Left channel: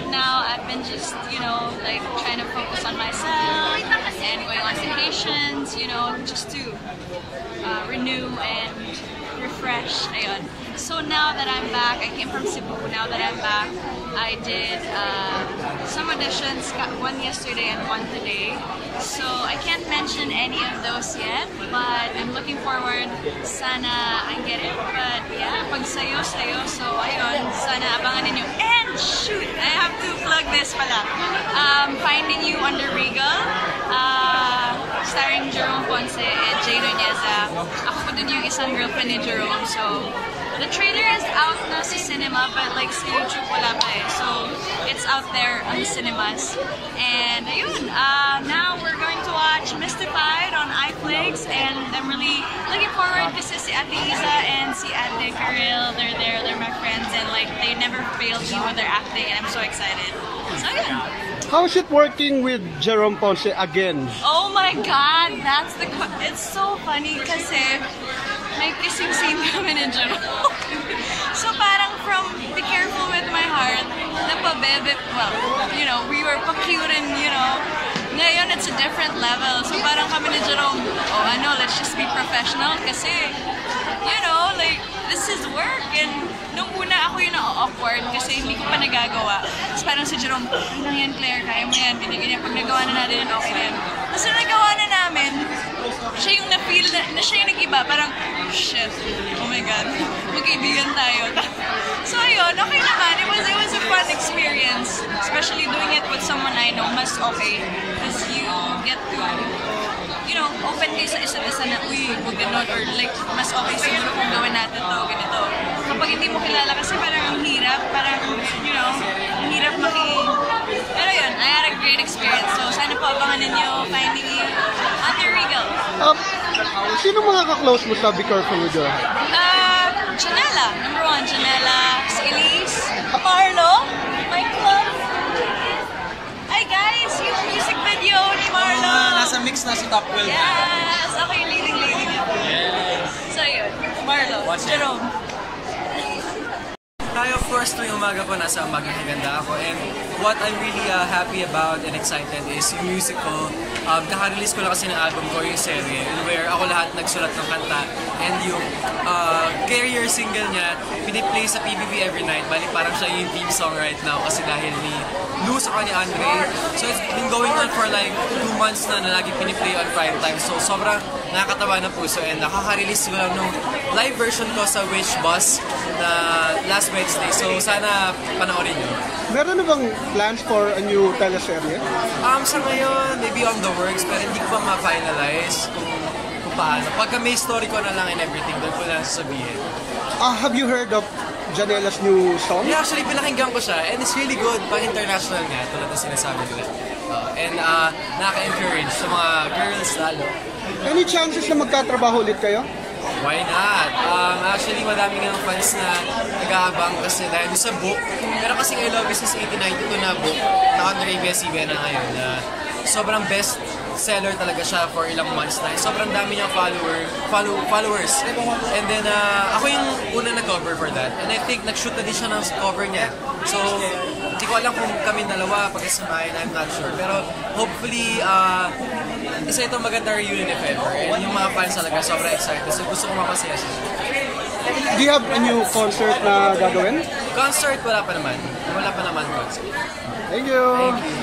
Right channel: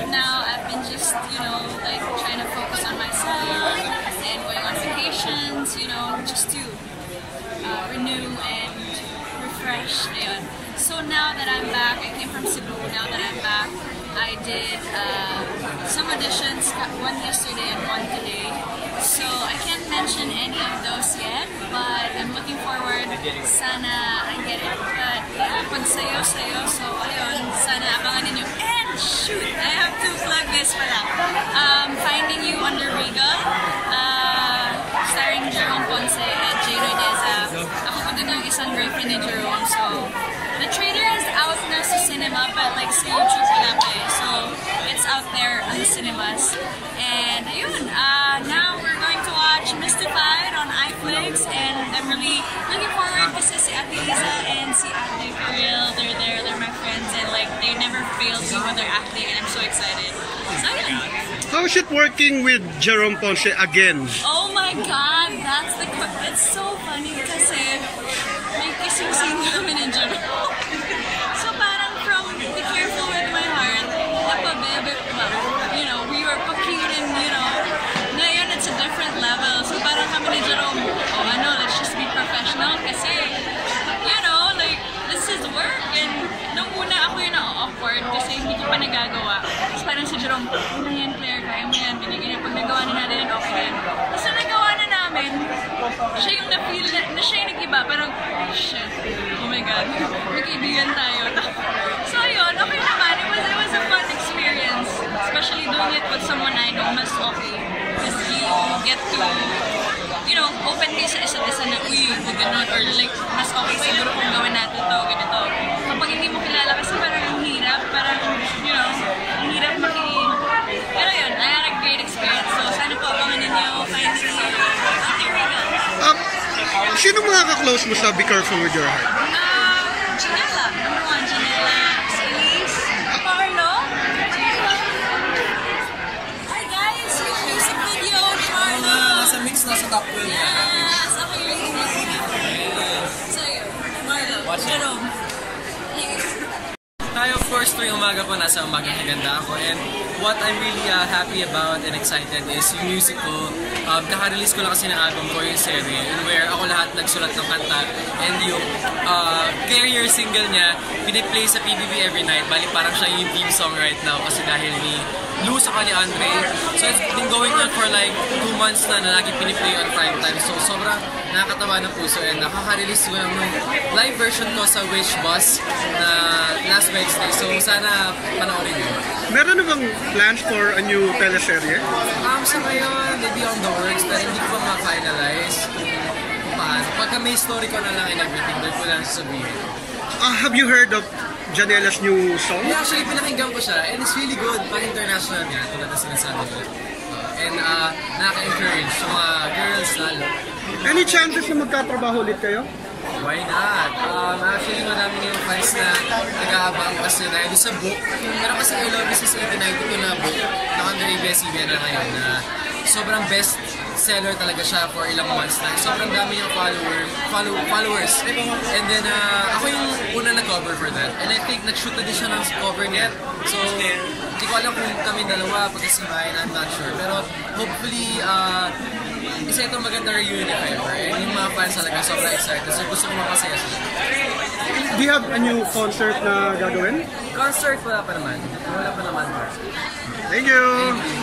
of now, I've been just, like trying to focus on myself and going on vacations, just to renew and refresh. Ayun. So now that I'm back, I came from Cebu. Now that I'm back, I did some auditions, one yesterday and one today. So I can't mention any of those yet, but I'm looking forward. Sana I get it. But yeah, pag sayo. So ayun, sana abangan ninyo. And shoot, I have to plug this pala. Finding You under Regal, starring Jerome Ponce and Jay Nuneza. Ako po dun yung isang girlfriend ni Jerome. So the trailer is out na sa cinema, but like sa YouTube wala pa eh. So it's out there on the cinemas. And ayun, now we're going to watch Mystified on iFlix, and I'm really looking forward kasi si Ate Iza and si Ate Karil, they're there, they're my friends, and like they never failed me when they're acting, and I'm so excited. So ayun. How is it working with Jerome Ponce again? Oh my God, it's so funny kasi may kissing scene kami ni Jerome. So parang from Be Careful With My Heart, napabebe, well, we were pa-cute and, ngayon it's a different level. So parang kami ni Jerome, let's just be professional kasi, like, this is work. And nung una ako yung na-awkward kasi hindi ko pa nagagawa. Tapos parang si Jerome, "Ay lang yan, Claire, kaya mo yan." Binigyan niya, pag nagawa na natin yan, okay na yan. Tapos nung nagawa na namin, siya yung na-feel na siya yung nag-iba. Parang, shit, oh my God, magkaibigan tayo. So ayun, okay naman. It was a fun experience. Especially doing it with someone I know, mas okay. Because you get to, open kayo sa isa't isa na, uy, huwag ganun, or like, mas okay siguro kung gawin natin to, ganito. Kapag hindi mo kilala kasi parang ang hirap, ang hirap Pero yun, I had a great experience. So sana po abangan ninyo, Finding You, Ate Regal. Sino mga ka-close mo sa Be Careful With Your Heart? Janela, number 1, Janela, si Elise, Marlo. Hi guys, yung music video ni Marlo. Nasa mix na sa top 12. Yes, okay, leading. Yes. So yun, Marlo, Watch it. Jerome. Tayo, of course, tuwing umaga po, nasa Umagang Kaganda ako. And what I'm really happy about and excited is yung music ko. Kaka-release ko lang kasi ng album ko, yung Serye, where ako lahat nagsulat ng kanta. And yung career single niya, piniplay sa PBB every night. Bali, parang siya yung theme song right now kasi dahil ni Lou saka ni Andre. So it's been going on for like 2 months na lagi piniplay on prime time. So sobrang nakakatawa ng puso, and nakaka-release ko lang nung live version ko sa Witch Bus na last Wednesday. So sana panoorin nyo. Meron na bang plans for a new teleserye? Sa ngayon, maybe on the works, pero hindi ko pa ma-finalize kung paano. Pagka may story ko na lang and everything, doon ko lang sasabihin. Have you heard of Janela's new song? Yeah, actually, pinakinggan ko siya, and it's really good. Pang-international nga, tulad na sinasabi nila. And nakaka-encourage sa mga girls lalo. Any chances na magkatrabaho ulit kayo? Why not? Actually, madaming yung fans na nag-aabang kasi dahil sa book. Pero kasi I Love You since 1892 na book na under ABS-CBN na ngayon na sobrang best seller talaga siya for ilang months na. Sobrang dami niyang followers. And then, ako yung una na-cover for that. And I think nag-shoot na din siya ng cover niya. So, hindi ko alam kung kami dalawa pagkasamahin, I'm not sure. Pero hopefully, kasi ito maganda reunion if ever. And yung mga fans talaga sobrang excited. So, gusto ko mapasaya siya. Do you have a new concert na gagawin? Concert, wala pa naman. Wala pa naman concert. Thank you! Thank you.